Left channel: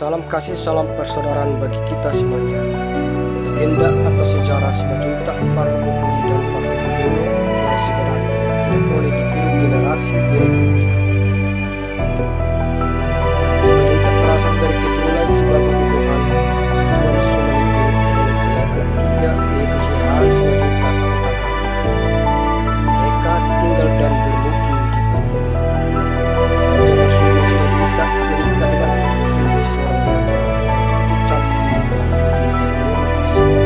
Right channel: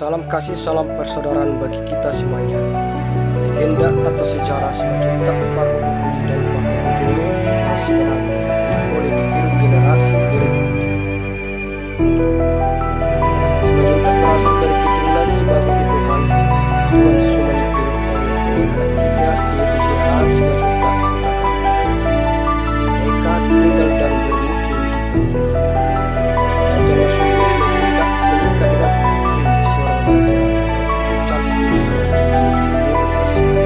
Salam kasih, salam persaudaraan bagi kita semuanya. Legenda atau sejarah Simajuntak Parhubukuri dan Parhubujulu yang sebenarnya tidak boleh ditiru generasi berikutnya. Simajuntak berasal dari keturunan Sibagu Ibuhan Tuan Sumanipil yang mempunyai anak tiga, yaitu Sihan Simajuntak Utaka. Mereka tinggal dan bermukim di Bali. Raja Masulu Simajuntak menikah dengan putri seorang raja yang pucat pilihan yaitu Guru Persiwa,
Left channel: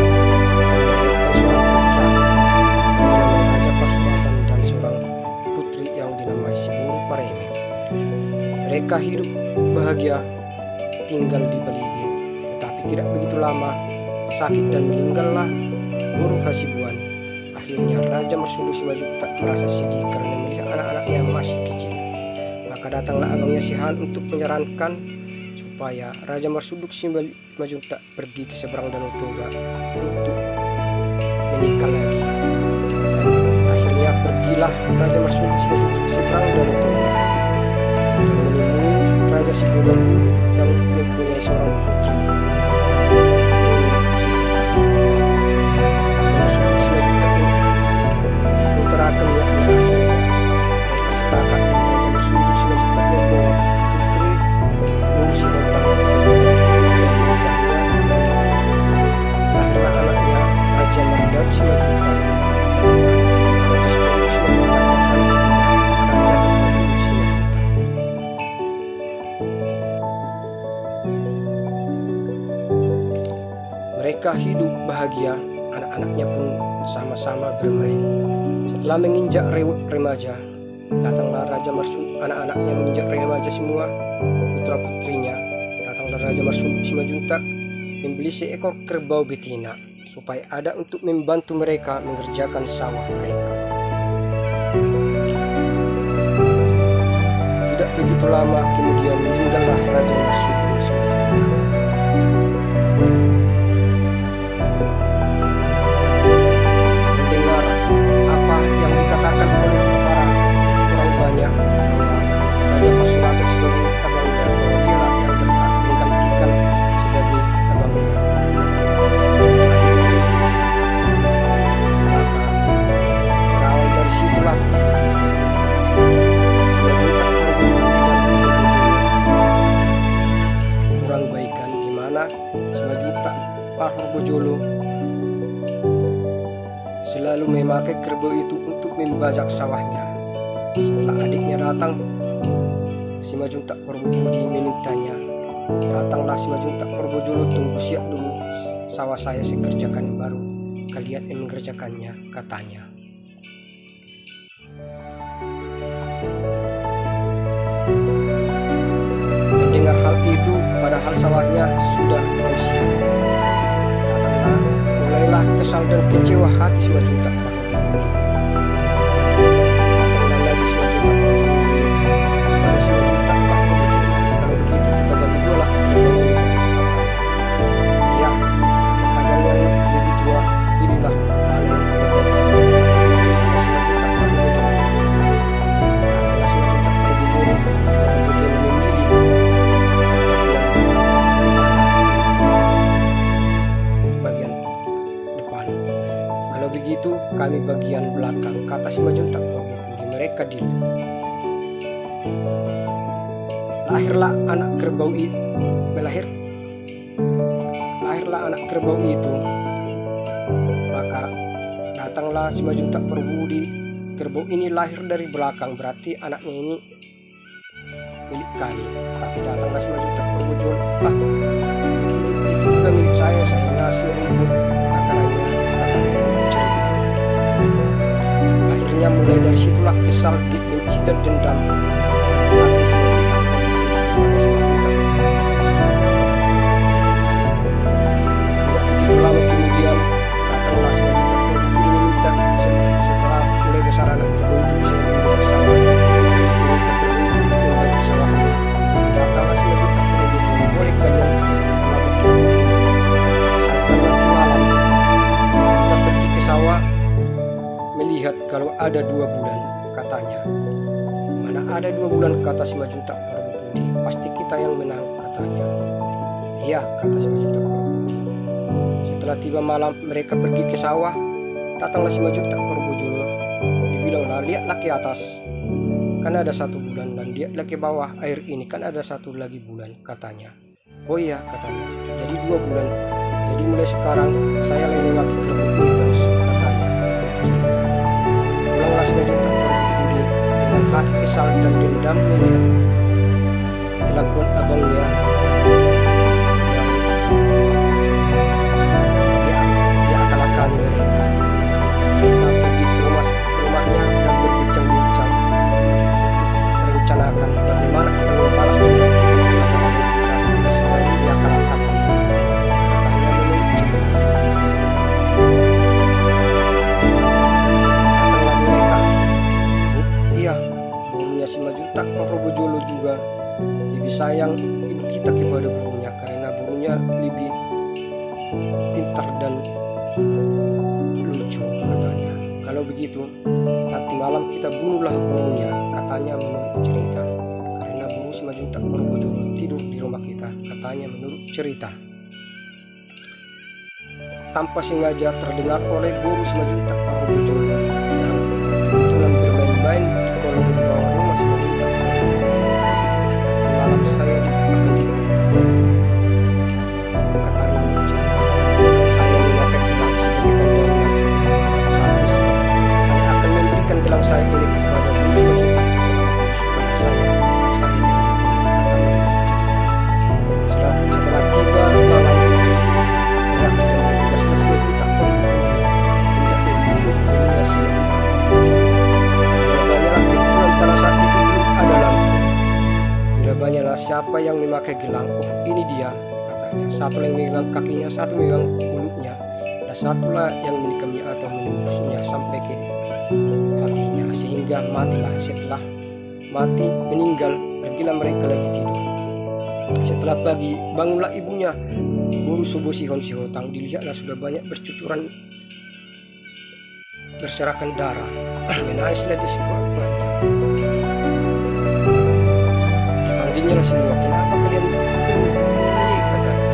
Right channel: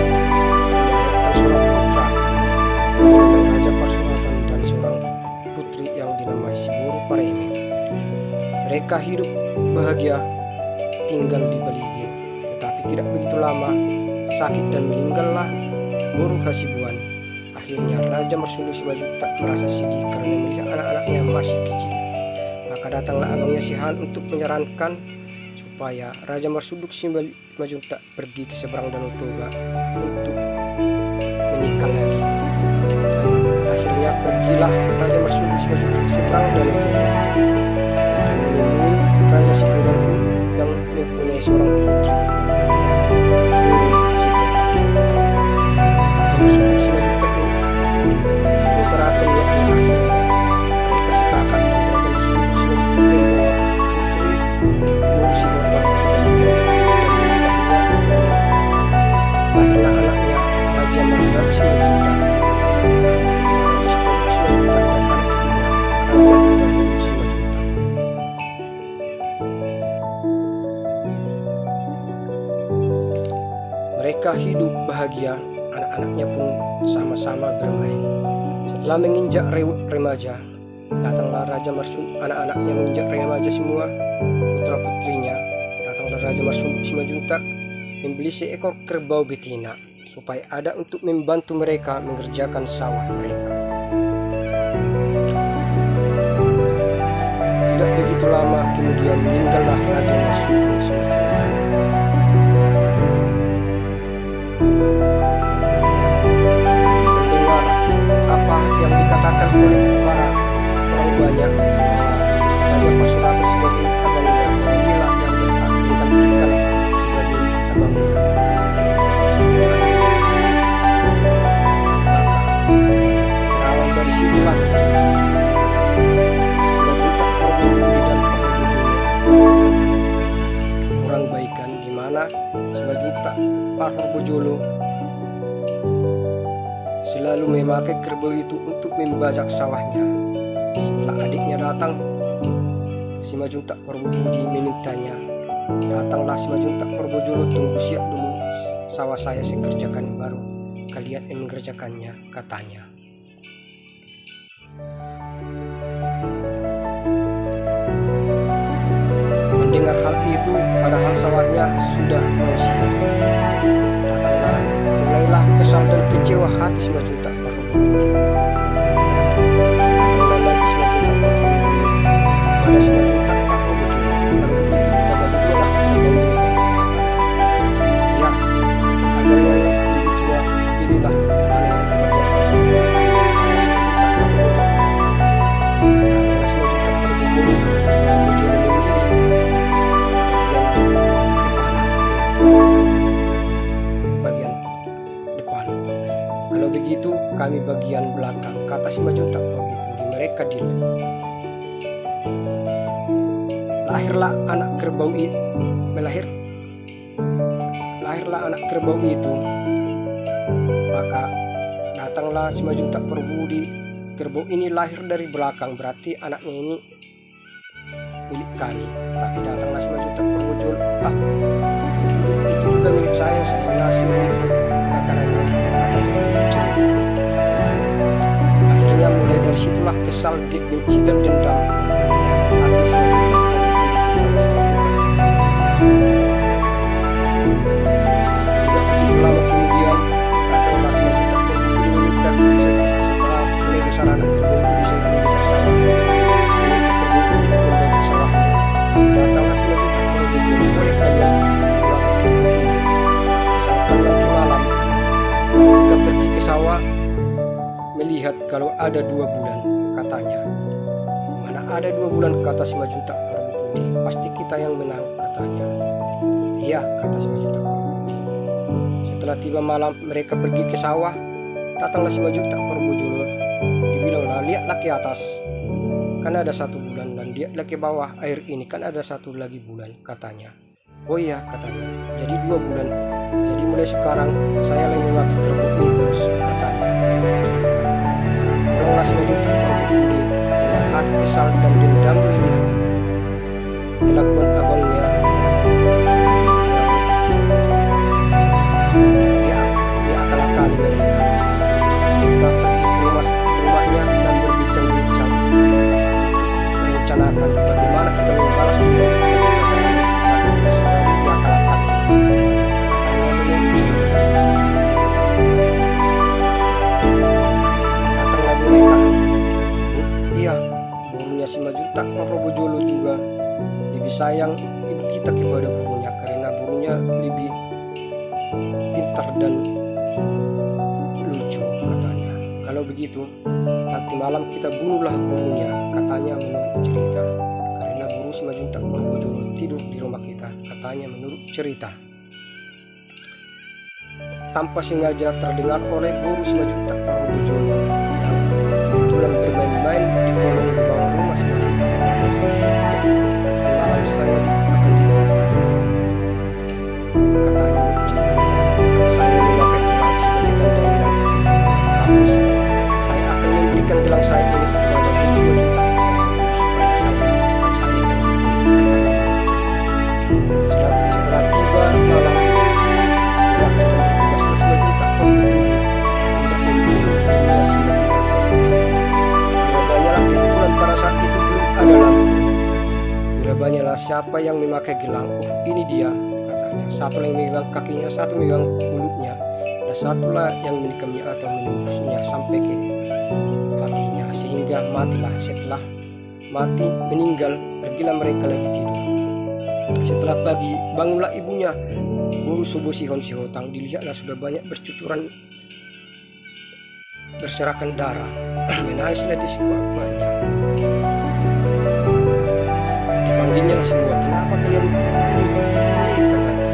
dan melahirkan seorang putra yang dinamai Raja Pasuratan dan seorang putri yang dinamai Siburu Pareme. Mereka hidup bahagia tinggal di Baligi, tetapi tidak begitu lama sakit dan meninggallah Guru Hasibuan. Akhirnya Raja Mersulu Simajuntak merasa sedih karena melihat anak-anaknya masih kecil. Maka datanglah abangnya Sihan untuk menyarankan supaya Raja Mersulu Simajuntak pergi ke seberang Danau Toba untuk menikah lagi. Dan akhirnya pergilah Raja Mersulu Simajuntak ke seberang Danau Toba dan menemui Raja Sibodang yang mempunyai seorang putri, Guru Sikota. Raja Mersulu Simajuntak mengutarakan niatnya. Akhirnya mereka sepakat dan Raja Mersulu Simajuntak membawa putri Guru Sikota ke Baligi dan menikahinya, dan lahirlah anaknya Raja Mardab Simajuntak dan anak kedua Raja Sitomo Simajuntak dan anak ketiga Raja Dukadulu Simajuntak. Mereka hidup bahagia, anak-anaknya pun sama-sama bermain. Setelah menginjak remaja, datanglah Raja Mersulu, anak-anaknya menginjak remaja semua, putra-putrinya. Datanglah Raja Mersulu Simajuntak membeli seekor kerbau betina supaya ada untuk membantu mereka mengerjakan sawah mereka. Tidak begitu lama kemudian meninggallah Raja Mersulu Simajuntak. Mendengar apa yang dikatakan oleh para orang banyak bahwa Raja Pasurata sebagai abangnya, bahwa dialah yang berhak menggantikan sebagai abangnya, maka berawal dari situlah Simajuntak Parhubukuri dan Parhubujulu kurang baikan, di mana Simajuntak Parhubujulu selalu memakai kerbau itu untuk membajak sawahnya. Setelah adiknya datang, Simajuntak Parhubukuri memintanya, datanglah Simajuntak Parhubujulu, tunggu siap dulu sawah saya kerjakan, baru kalian yang mengerjakannya, katanya. Mendengar hal itu, padahal sawahnya sudah mau siap, datanglah mulailah kesal dan kecewa hati Simajuntak Parhubukuri. Datanglah lagi Simajuntak Parhubukuri pada Simajuntak Parhubujulu, kalau begitu kita bagi dua lah kerbau ini, katanya. Ya, abang yang lebih tua, pilihlah mana yang bagian abang, pada Simajuntak Parhubujulu. Datanglah Simajuntak Parhubujulu memilih bagian kepala, bagian depan. Kalau begitu kami bagian belakang, kata Simajuntak Parhubukuri. Mereka deal. Lahirlah anak kerbau itu, lahirlah anak kerbau itu. Maka datanglah Simajuntak Parhubukuri. Kerbau ini lahir dari belakang, berarti anaknya ini milik kami. Tapi datanglah Simajuntak Parhubujulu, itu juga milik saya ngasih rumput makanannya, katanya cerita. Akhirnya mulai dari situlah kesal, benci dan dendam hati Simajuntak Parhubukuri kepada Simajuntak. Tidak begitu lama kemudian datanglah Simajuntak Parhubukuri meminta, setelah mulai besar anak kerbau itu bisa membajak sawah, meminta kerbau itu untuk membajak sawahnya. Datanglah Simajuntak Parhubujulu, boleh kalian memakai kerbau ini, asalkan nanti malam kita pergi ke sawah melihat kalau ada 2 bulan, katanya. Mana ada 2 bulan, kata Simajuntak Parhubukuri, pasti kita yang menang, katanya. Iya, kata si Majuta Korbujolo. Setelah tiba malam, mereka pergi ke sawah. Datanglah si Majuta Korbujolo. Dibilanglah, lihatlah ke atas, kan ada 1 bulan, dan lihatlah ke bawah air ini, kan ada 1 lagi bulan, katanya. Oh iya, katanya, jadi 2 bulan. Jadi mulai sekarang saya lagi memakai kerbau ini terus, katanya. Pulanglah si Majuta Korbujolo dengan hati kesal dan dendam melihat kelakuan abangnya yang dia akal-akali mereka. Mereka pergi ke rumahnya dan berbincang-bincang untuk merencanakan bagaimana kita membalas dendam kita kepada ayah kita selalu diakal-akali. Katanya menurut cerita. Datanglah mereka. Iya, burungnya si Majuta Korbujolo juga lebih sayang ibu kita kepada burungnya, karena burungnya lebih pintar dan lucu, katanya. Kalau begitu, nanti malam kita bunuhlah burungnya, katanya menurut cerita. Karena burung si Majuta Korbujolo tidur di rumah kita, katanya menurut cerita. Tanpa sengaja terdengar oleh burung si Majuta Korbujolo yang kebetulan bermain-main di kolong di bawah rumah si Majuta Korbujolo. Malam saya akan dibunuh, katanya menurut cerita. Saya memakai gelang sebagai tanda hilang gratis. Saya akan memberikan gelang saya ini kepada burung si Majuta Korbujolo supaya saya yang dibunuh, katanya menurut cerita. Setelah tiba malam, berakhir dan bertugaslah si Majuta Korbujolo hendak membunuh burungnya si Majuta Korbujolo. Banyalah kebetulan pada saat itu belum ada lampu. Banyalah siapa yang memakai gelang. Oh, ini dia, katanya. Satu yang megang kakinya, satu megang mulutnya, dan satulah yang menikamnya atau menembusnya sampai ke hatinya sehingga matilah. Setelah mati meninggal, pergilah mereka lagi tidur. Setelah pagi, bangunlah ibunya Guru Sobo Sihon Sihotang. Dilihatlah sudah banyak bercucuran berserakan darah. Menangislah di sekelilingnya. Dipanggilnya semua, kenapa kalian begini, katanya.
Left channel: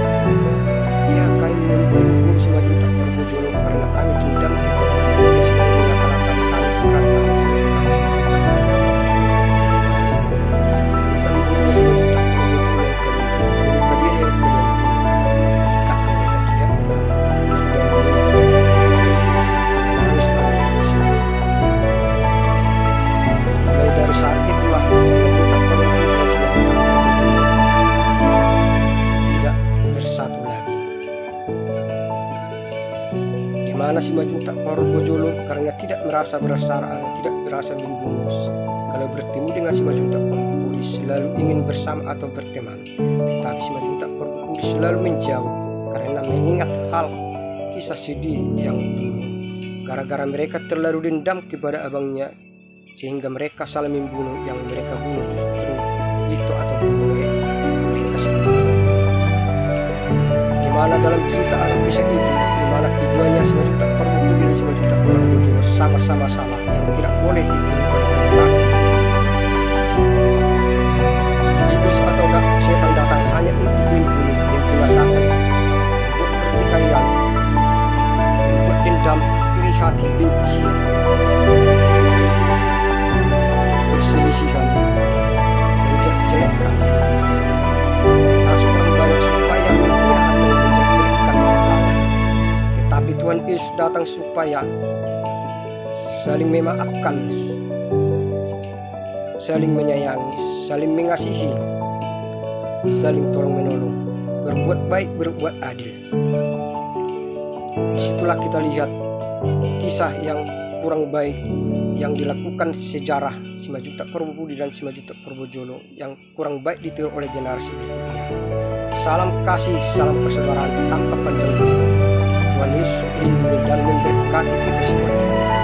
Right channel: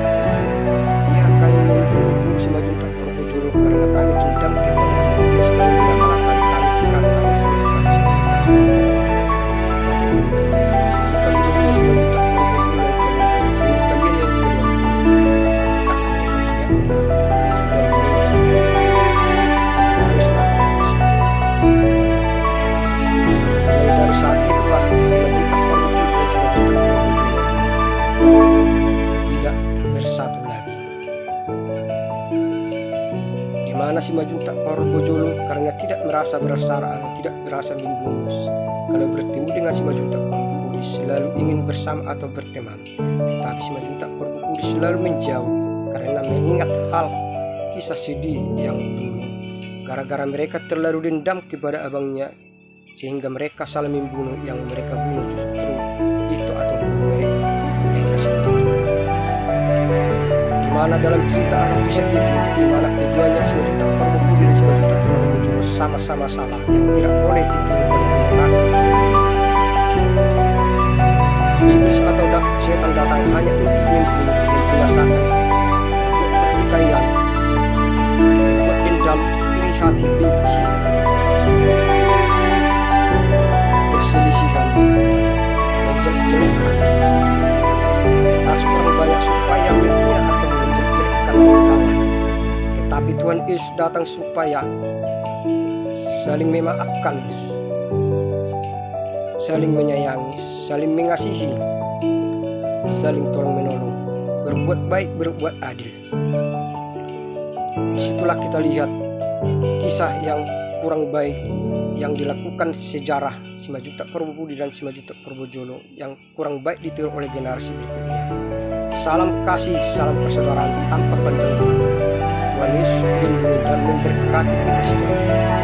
Ya, kami membunuh Guru si Majuta Korbujolo karena kami dendam kepada dia selalu mengakal-akali kami, katanya silakan. Bukan gurunya si Majuta Korbujolo yang kalian bunuh, guru kalian yang kalian bunuh. Jika mereka tidak kenal, sudah meninggal. Menangislah mereka semua. Mulai dari saat itulah si Majuta Korbujolo dan si Majuta Korbujolo tidak bersatu lagi. Di mana si Majuta Korbujolo karena tidak merasa bersalah atau tidak merasa membunuh, kalau bertemu dengan si Majuta Korbujolo selalu ingin bersama atau berteman, tetapi si Majuta Korbujolo selalu menjauh karena mengingat hal kisah sedih yang dulu. Gara-gara mereka terlalu dendam kepada abangnya, sehingga mereka saling membunuh. Yang mereka bunuh justru itu atau bunuh mereka sendiri. Di mana dalam cerita Arab kisah itu, di mana keduanya si Majuta Korbujolo dan si Majuta Korbujolo sama-sama salah yang tidak boleh ditiru oleh generasi. Iblis atau setan datang hanya untuk membunuh, membinasakan, membuat pertikaian, membuat dendam, iri hati, benci, perselisihan, menjelek-jelekkan, menghasut orang banyak supaya menghina atau menjelek-jelekkan lawan. Tetapi Tuhan Yesus datang supaya saling memaafkan, saling menyayangi, saling mengasihi, saling tolong menolong, berbuat baik, berbuat adil. Disitulah kita lihat kisah yang kurang baik yang dilakukan sejarah si Majuta Korbujolo dan si Majuta Korbujolo yang kurang baik ditiru oleh generasi berikutnya. Salam kasih, salam persaudaraan tanpa pandang bulu. Tuhan Yesus melindungi dan memberkati kita semuanya.